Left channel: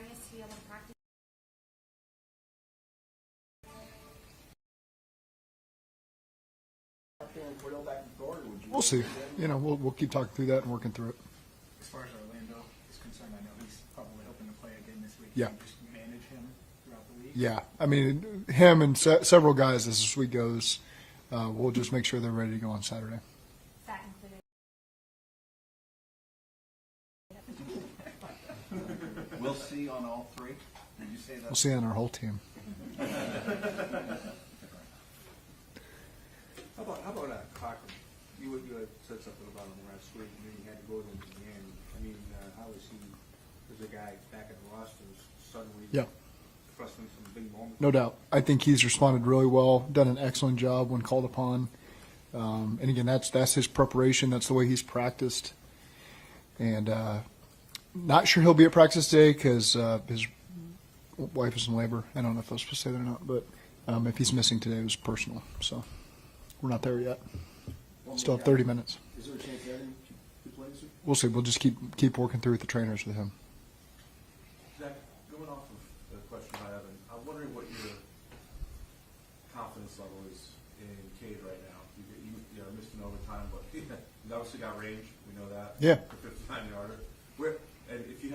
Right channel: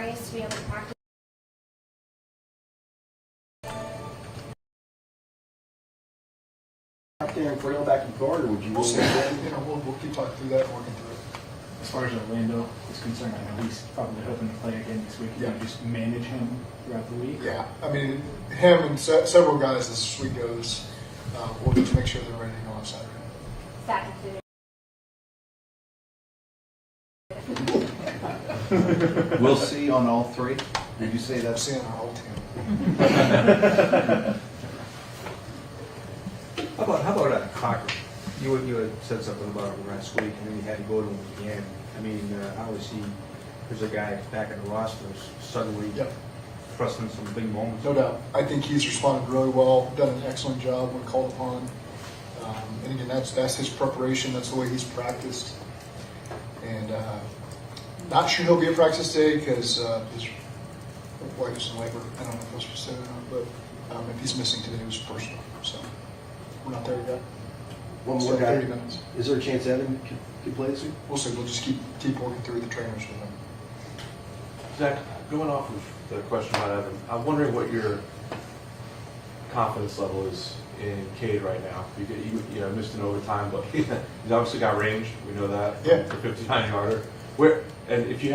race to be able to practice? Out there and trail back and forward, or would you? We'll see. We'll keep talking through that and working through it. As far as Orlando is concerned, I know he's probably hoping to play again this week. Yeah. Can you just manage him throughout the week? Yeah, I mean, him and several guys as this week goes, we'll just make sure they're ready to go on Saturday. That included. We'll see on all three. Did you say I'll that's? see on our whole team. How about Cochran? You had said something about him last week, and then you had to go to him at the end. I mean, how is he? There's a guy back in the roster suddenly Yep. thrusting some big moments. No doubt. I think he's responded really well, done an excellent job when called upon. And again, that's his preparation. That's the way he's practiced. And not sure he'll be at practice today because his wife is in labor. I don't know if I was supposed to say that or not, but if he's missing today, it was personal. So we're not there yet. One more Start guy. 30 minutes. Is there a chance Evan can play this week? We'll see. We'll just keep working through with the trainers with him. Zach, going off of the question about Evan, I'm wondering what your confidence level is in Cade right now. You know, missed an overtime, but he's obviously got range. We know that. Yeah. For 59-yarder. If you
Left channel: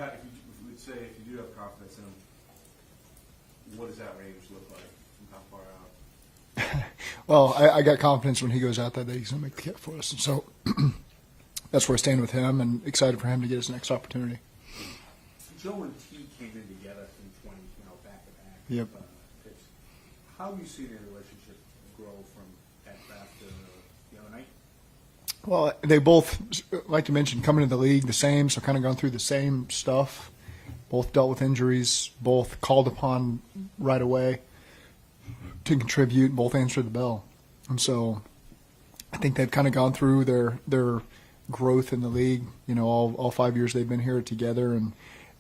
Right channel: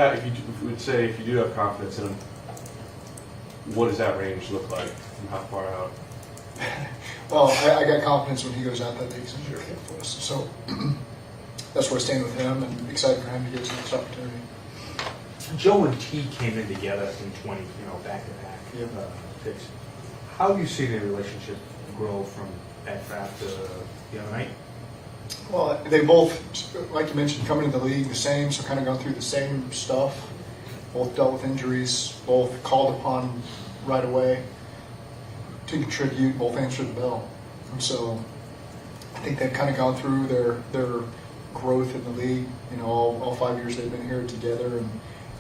would say if you do have confidence in him, what does that range look like from how far out? Well, I got confidence when he goes out that he's going to hit for us. So that's where I stand with him and excited for him to get his next opportunity. Joe and T came in together in 20, back to back. Yep. Picks. How have you seen their relationship grow from that draft to the other night? Well, they both, like you mentioned, coming into the league the same, so kind of going through the same stuff. Both dealt with injuries, both called upon right away to contribute, both answered the bell. And so I think they've kind of gone through their growth in the league, all 5 years they've been here together, and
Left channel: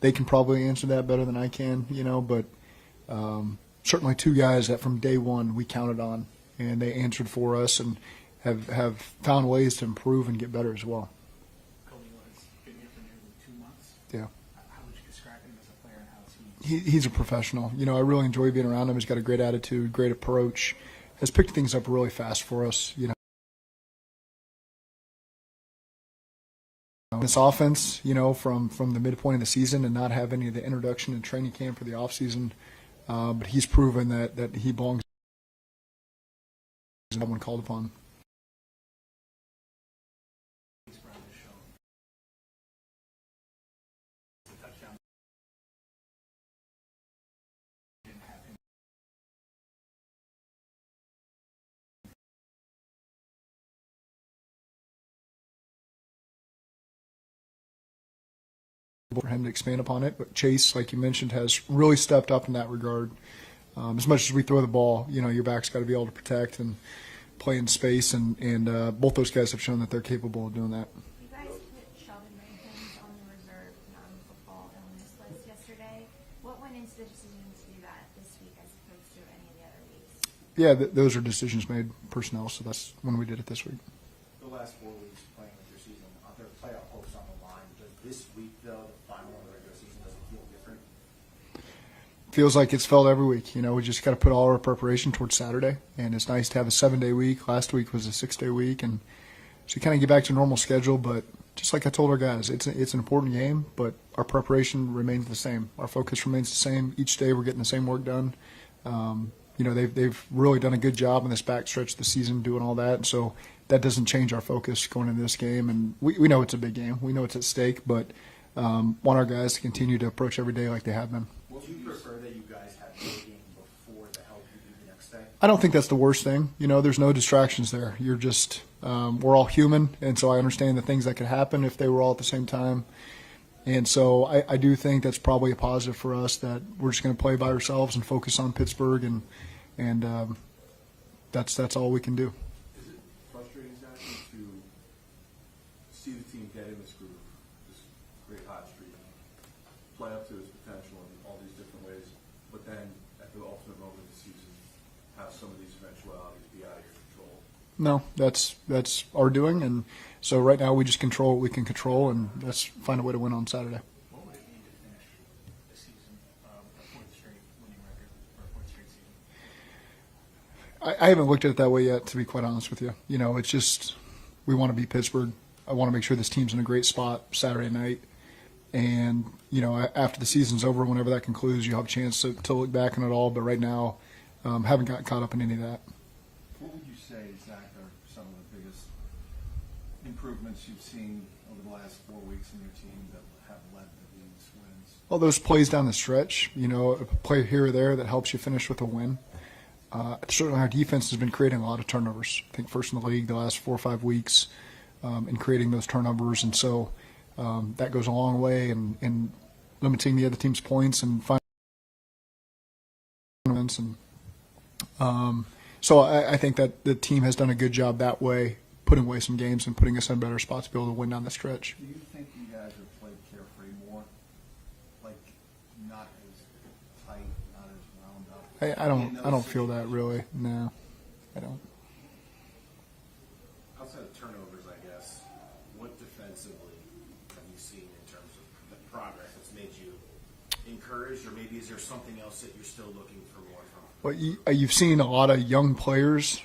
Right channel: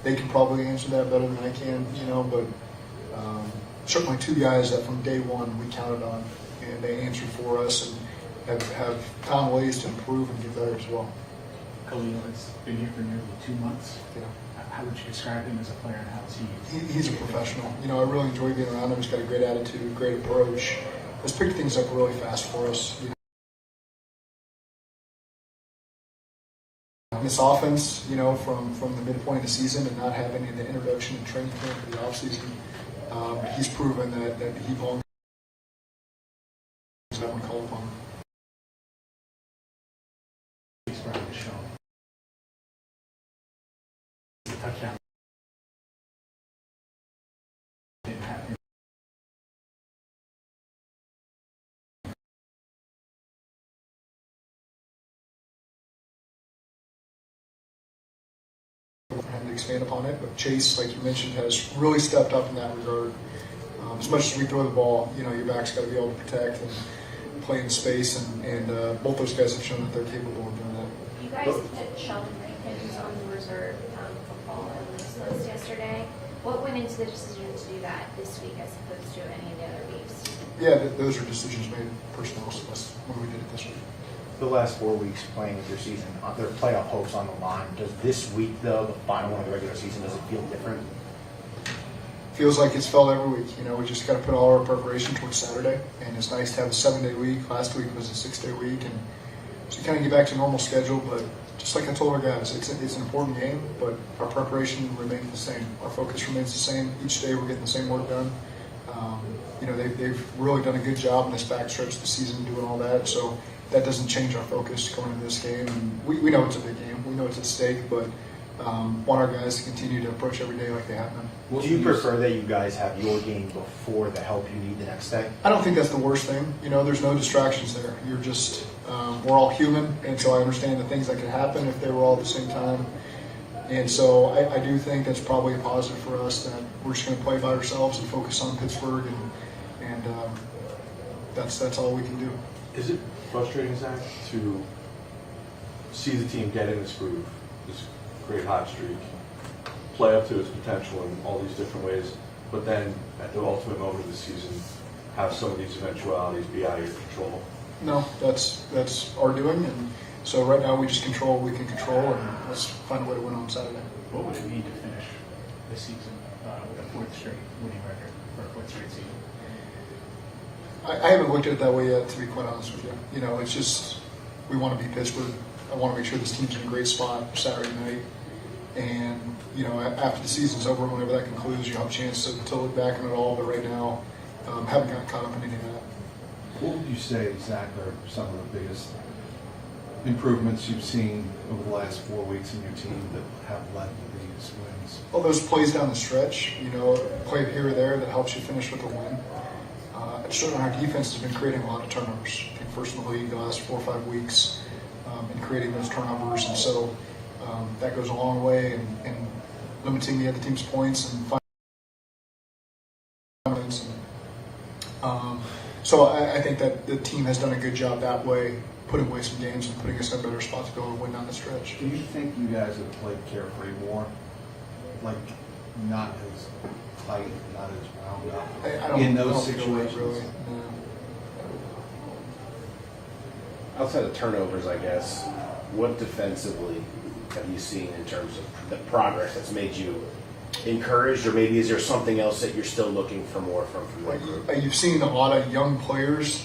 they can probably answer that better than I can, but certainly two guys that from day one we counted on, and they answered for us and have found ways to improve and get better as well. Khalil has been here for nearly 2 months. Yeah. How would you describe him as a player, and how is he? He's a professional. I really enjoy being around him. He's got a great attitude, great approach. Has picked things up really fast for us. This offense, from the midpoint of the season and not have any of the introduction and training camp for the offseason, but he's proven that he belongs when called upon. He's probably shown. Touchdown. Didn't have him. For him to expand upon it, but Chase, like you mentioned, has really stepped up in that regard. As much as we throw the ball, your back's got to be able to protect and play in space, and both those guys have shown that they're capable of doing that. You guys put Sheldon Rankins on the reserve football illness list yesterday. What went into the decision to do that this week as opposed to any of the other weeks? Yeah, those are decisions made personnel, so that's when we did it this week. The last 4 weeks playing with your season, their playoff hopes on the line. Does this week, though, the final one of the regular season, does it feel different? Feels like it's felt every week. We just got to put all our preparation towards Saturday, and it's nice to have a 7-day week. Last week was a 6-day week, and so kind of get back to normal schedule. But just like I told our guys, it's an important game, but our preparation remains the same. Our focus remains the same. Each day we're getting the same work done. They've really done a good job in this back stretch of the season doing all that. So that doesn't change our focus going into this game. And we know it's a big game. We know it's at stake, but want our guys to continue to approach every day like they have been. Do you prefer that you guys have your game before the help you need the next day? I don't think that's the worst thing. There's no distractions there. You're just, we're all human, and so I understand the things that can happen if they were all at the same time. And so I do think that's probably a positive for us, that we're just going to play by ourselves and focus on Pittsburgh, and that's all we can do. Is it frustrating, Zach, to see the team get in this groove, this great hot streak, play up to its potential in all these different ways, but then at the ultimate moment of the season, have some of these eventualities be out of your control? No, that's our doing, and so right now we just control what we can control, and let's find a way to win on Saturday. What would it mean to finish this season with a fourth straight winning record or a fourth straight season? I haven't looked at it that way yet, to be quite honest with you. You know, it's just we want to beat Pittsburgh. I want to make sure this team's in a great spot Saturday night. And, you know, after the season's over, whenever that concludes, you'll have a chance to look back on it all. But right now, haven't gotten caught up in any of that. What would you say, Zach, are some of the biggest improvements you've seen over the last 4 weeks in your team that have led to these wins? Well, those plays down the stretch, you know, a play here or there that helps you finish with a win. Certainly our defense has been creating a lot of turnovers. I think first in the league the last 4 or 5 weeks in creating those turnovers. And so that goes a long way in limiting the other team's points and finding so I think that the team has done a good job that way, putting away some games and putting us in a better spot to be able to win down the stretch. Do you think you guys have played carefree more? Like, not as tight, not as wound up? I don't feel that situations? really. No. Outside of turnovers, I guess, what defensively have you seen in terms of the progress that's made you encouraged, or maybe is there something else that you're still looking for more from But the group? you've seen a lot of young players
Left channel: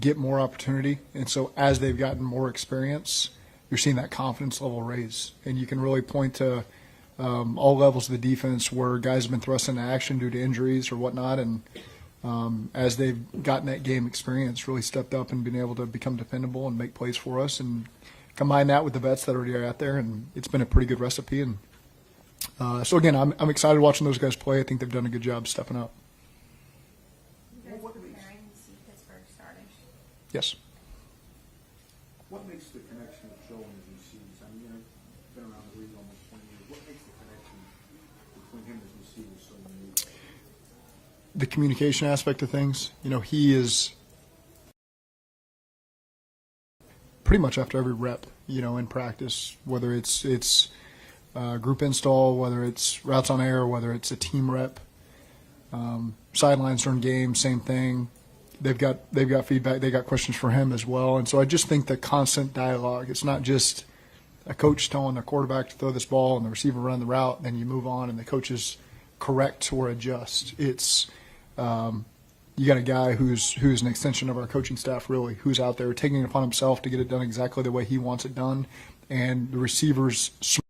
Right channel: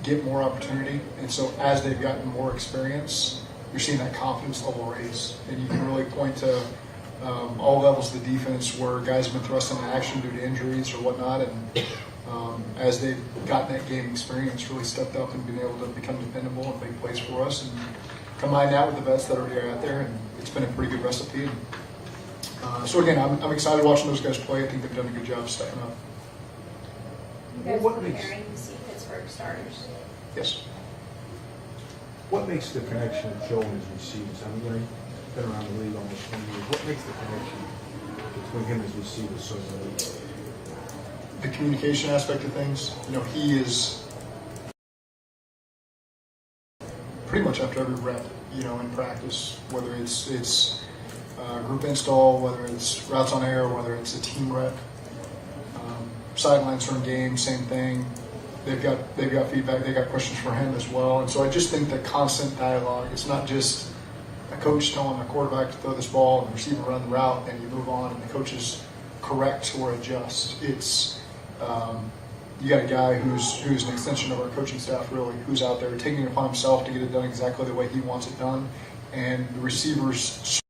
get more opportunity, and so as they've gotten more experience, you're seeing that confidence level raise. And you can really point to all levels of the defense where guys have been thrust into action due to injuries or whatnot, and as they've gotten that game experience, really stepped up and been able to become dependable and make plays for us. And combine that with the vets that already are out there, and it's been a pretty good recipe. And, so again, I'm excited watching those guys play. I think they've done a good job stepping up. You guys What were makes- preparing to see Pittsburgh starters. Yes. What makes the connection of Joe and his receivers? I mean, he's been around the league almost 20 years. What makes the connection between him and his receivers so unique? The communication aspect of things, you know, he is pretty much after every rep, you know, in practice, whether it's group install, whether it's routes on air, whether it's a team rep, sidelines during games, same thing. They've got feedback, they've got questions for him as well, and so I just think that constant dialogue. It's not just a coach telling a quarterback to throw this ball and the receiver run the route, and you move on, and the coaches correct or adjust. It's you got a guy who's an extension of our coaching staff, really, who's out there taking it upon himself to get it done exactly the way he wants it done, and the receivers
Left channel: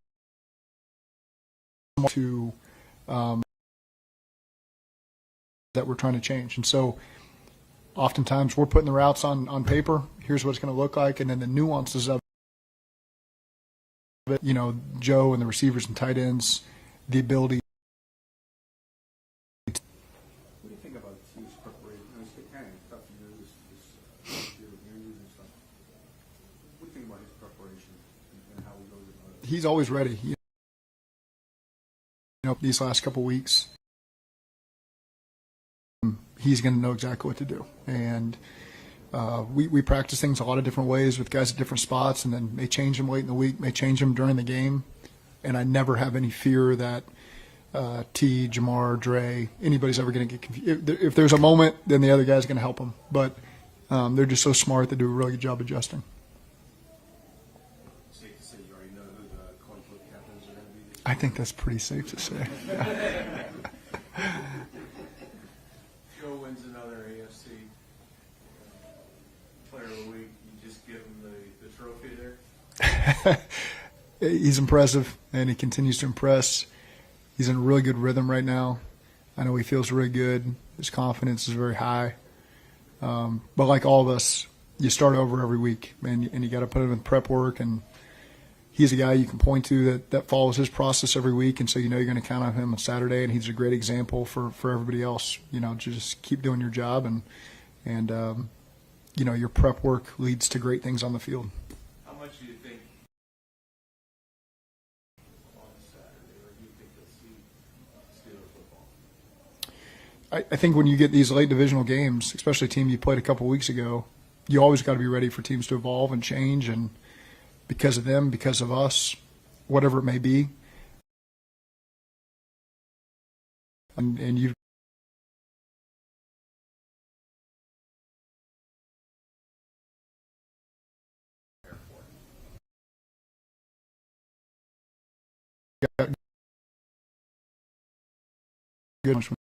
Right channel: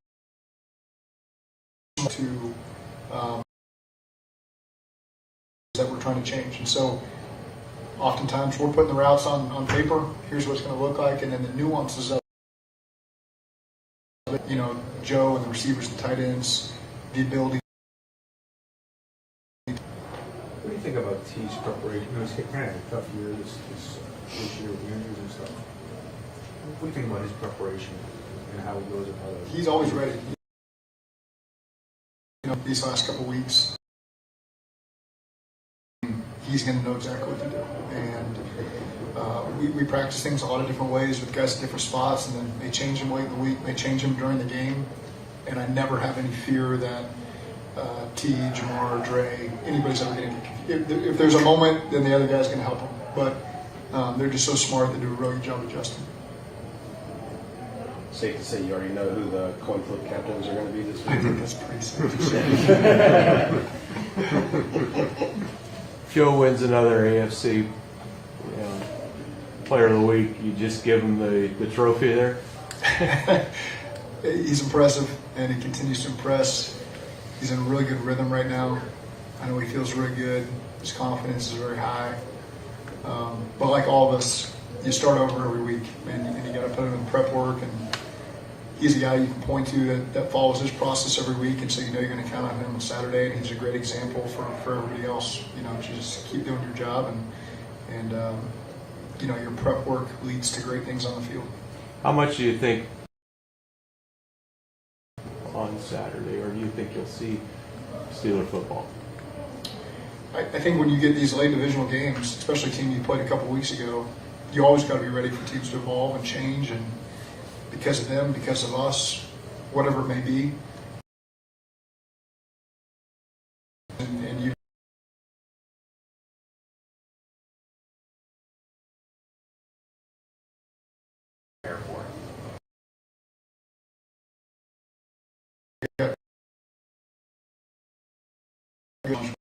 to that we're trying to change. And so oftentimes we're putting the routes on paper, here's what it's going to look like, and then the nuances of it, you know, Joe and the receivers and tight ends, the ability. What do you think about T's preparation? You know, he's kind of a tough year this year with injuries and stuff. What do you think about his preparation and how he goes about it? He's always ready. You know, these last couple weeks, he's going to know exactly what to do. And we practice things a lot of different ways with guys at different spots, and then may change them late in the week, may change them during the game. And I never have any fear that T, Jamar, Dre, anybody's ever going to get confused. If there's a moment, then the other guy's going to help them. But they're just so smart, they do a really good job adjusting. Safe to say you already know who the coin flip captains are going to be this week? I think that's pretty safe to say. Joe wins another AFC Player of the Week. You just give him the trophy there? He's impressive, and he continues to impress. He's in a really good rhythm right now. I know he feels really good. His confidence is very high. But like all of us, you start over every week, and you got to put in the prep work. And he's a guy you can point to that follows his process every week, and so you know you're going to count on him on Saturday. And he's a great example for everybody else. You know, to just keep doing your job, and you know, your prep work leads to great things on the field. How much do you think on Saturday, or do you think you'll see Steeler football? I think when you get these late divisional games, especially a team you played a couple weeks ago, you always got to be ready for teams to evolve and change, and because of them, because of us, whatever it may be. And you good.